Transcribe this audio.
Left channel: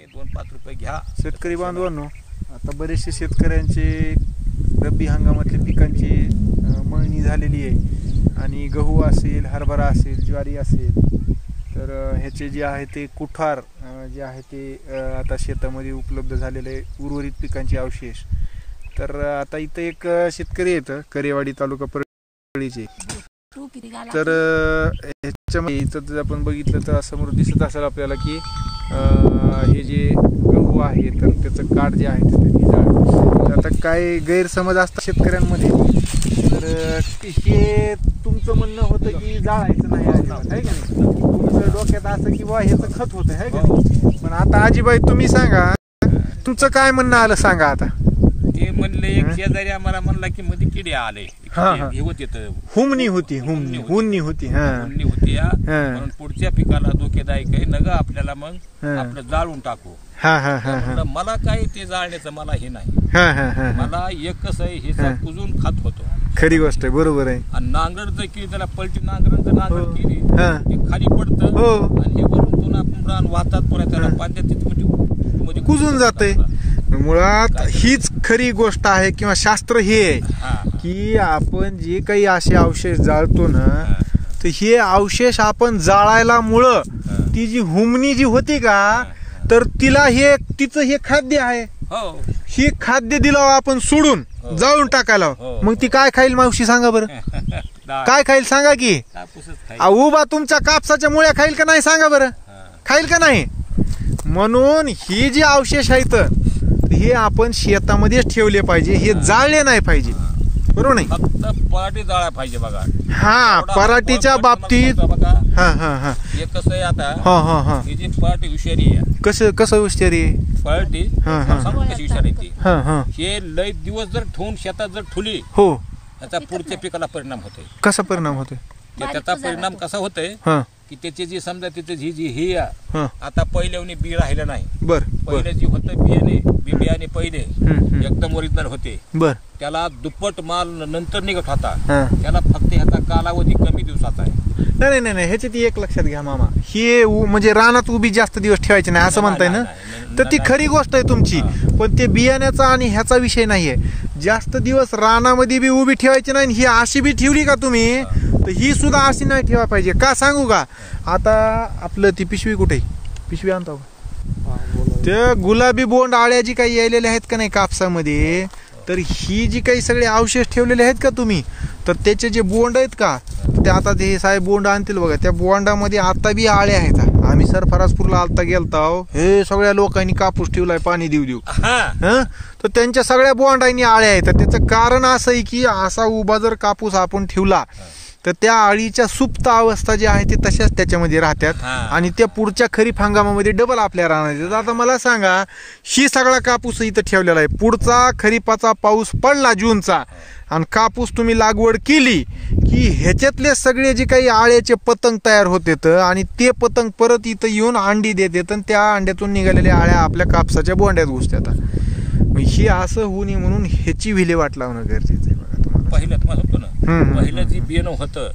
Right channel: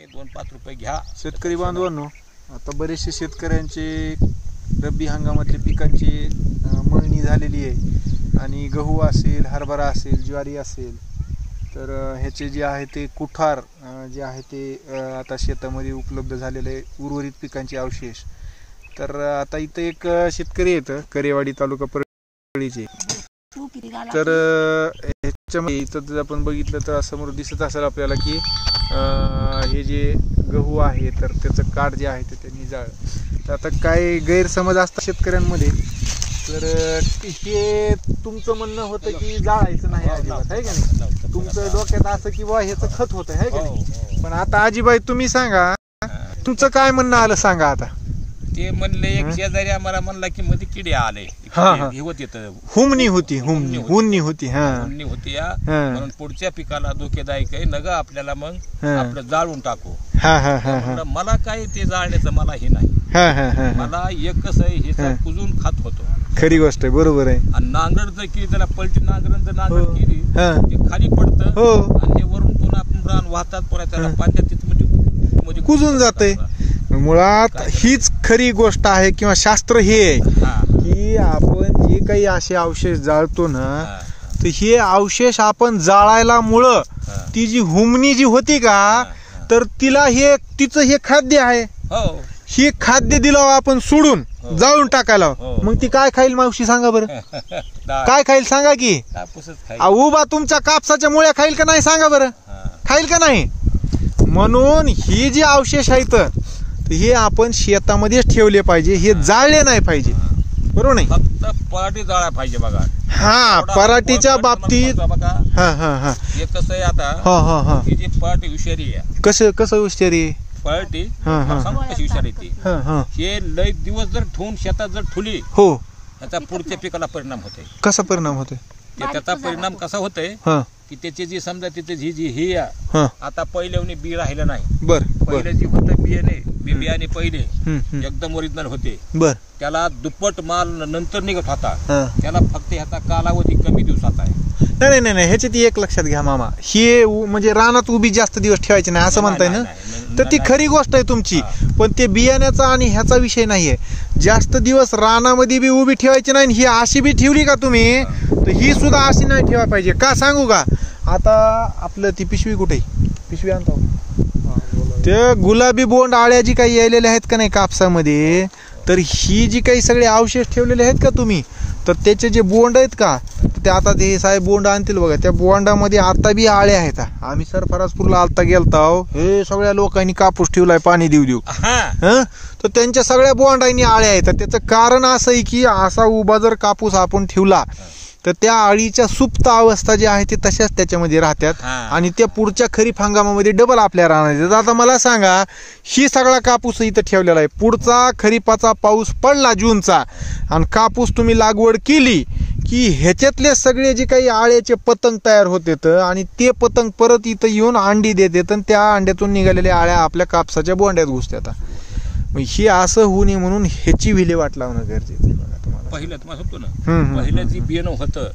तुम्ही 2-5 रुपये घ्या. शेतकरी बांधवांनो, आता बरेचसे शेतकऱ्यांचे रब्बी हंगामातल्या पिकांची मळणी झालेली आहे आणि गहू असेल, हरभरा असेल, ज्वारी असेल, तर ह्याचे जे आहे ते कुठार जे आहे ते आता शेतामध्ये उपलब्ध झालेले उर्वरित पिकांचे अवशेष. तर आता इथं एक शेतकरी येतं करेवाडी तालुका परळीचे. तर ह्याच्यामध्ये इथं जर आपण बघितलं तर समोर दिसत असेल आपल्याला की हे जे गहू आहे तर त्याचं काठ जे आहे ते जाळ. आता काय गैरसमज असतात शेतकऱ्यांमध्ये, तर हे तुमचं म्हणणं होतं की जाळायचं नाही आहे का नाही, तुमचं डोक्यात असं की बा ह्याचं खत होतं आहे का नाही. पण आता आजीबाई तुम्ही सांगा, तुमचं काय म्हणणं आलं सांगा. आता ते म्हणले एक शेजारी आम्हाला म्हणला की मध्ये किडे आले, हुमणी होती, हुन्नी होती म्हणून पुढच्या पिकाला धोकेदायक आहे नग आपल्याला, मग आपलं जाळून टाकू. मला काय ते जाळण्याचं मला हे नाही, मला एकच आहे हे कुजून खात होतो. खरी गोष्ट आहे, बरोबर आहे. आणि नांगरट जर केली त्याला पलटी नांगरट केली ते खाली पडतं आणि हे वरून पुन्हा रान वाहतात, पुन्हा त्याला पाण्यात कुजून जाते. मुळात हीच खरी गोष्ट आहे किंवा शास्त्र हे आहे की आपण जे काही असे अवशेष जाळतो ना, तर हे अवशेष आपण जाळायला मुळे ती जी हुमणी जी होती का, तर तिला हे तिचं हे खाद्य आहे. हे खाद्य दिलं आपण सोडून जाळून टाकायला, मग ती काय खाईल मावशी सांगा बरं. काय खाईल सांगा की. उभा तुमच्या कापसाच्या मुळ्या खाईल का नाही सांगा बरं, खाईल का नाही. म्हणून ही जी अवशेष आहेत हे आपण शेतामध्येच ठेवले पाहिजे, हे जाळले नाही पाहिजे, बरोबर नाही. फक्त पराठी जाळा पाहिजे बघा. हा, पराठीच्या बाबतीत हे कसं आहे आता, ही जी पराठी हुशारी आहे. कसं हुशारी पराठी कशी हुशारी ती, हे लय दिवस जर ठेवून शेतात जर ठुली हो, त्याचा पुढच्या पिकाला परिणाम होते. कसा परिणाम होतोय, त्याचा परिणाम कसा होतोय की त्याची जी समजा तिथे जी ही आता पहिल्याने बी राहिलं नाही. बर, पहिले जी होते बियाणे पहिले एकदम ओरिजिनल होते, बर, त्याला दुप्पट माल नंतर निघत होता. त्याला फक्त ह्याचा कालावधी कमी दिवसाचा आहे. नाही नाही नाही, ह्याच्यात एक लक्षात घ्या मामा, हे म्हणजे रानात उभी जास्त दिवस ठेवायचे नाही असं म्हणताय ना, तर ती खरी गोष्ट आहे तुमची. पण ते बियाण्याचा आणि ह्याचा विषय नाहीये. जास्त दिवस रानामध्ये बी उभी ठेवायची नाही, ही अशी बी ठेवली का तुम्ही, तर ही सुद्धा अशी नाही ठेवायला पाहिजे. का सांगू का, आता आपलं ती पिशवी कुठे, पिशवी आणतो ते गुलाबी बोंड आळ्या जी काही यायलेल्या आहेत का नाही कापसामध्ये, तर ही जी काही सगळे अवशेष ठेवलेले आहेत का तुम्ही, तर त्याचे जे बोंड आहेत का, ते आता ते साहेब बोंड आणतील बघा, त्या बोंडामध्ये आता बी आळ्या आहेत. आम्ही सरफराजपूरला आता गेलतो, हे सगळ्या लोकांनी कापूस ठेवलाय पाणी देऊ देऊ, तर त्यांच्या सगळ्या बोंडांनी आळ्या आहेत. त्याचं कारण असं आहे की असा उभा जर कापूस आपण ठेवला तर त्या आळीच्या सुप्त अवस्था जी आहे ते तशाच त्याच्यामध्ये राहतात आणि त्या पुढच्या खरीप हंगामामध्ये डबल आपल्या राहणार. आता मला सांगा, ही सगळा कापूस इथं ठेवलेला आहे, पुढचा खरीपाचा पाऊस पडला जूनचा आणि कापूस तुम्ही लागवड केली की ह्याच्यातले सगळे जे काही आळ्याचे पतंग तयार होते आणि ते पतंग परत इथं येऊन अंडी देतात आणि त्या अंड्यातून निघालेल्या आळ्या आपल्या कापसाच्या बोंड्यात घुसतात. हे असं होऊ नये म्हणून ह्याची विल्हेवाट लावणं गरजेचं आहे. बघा तुम्हाला पहिलं जी बियाणं होतं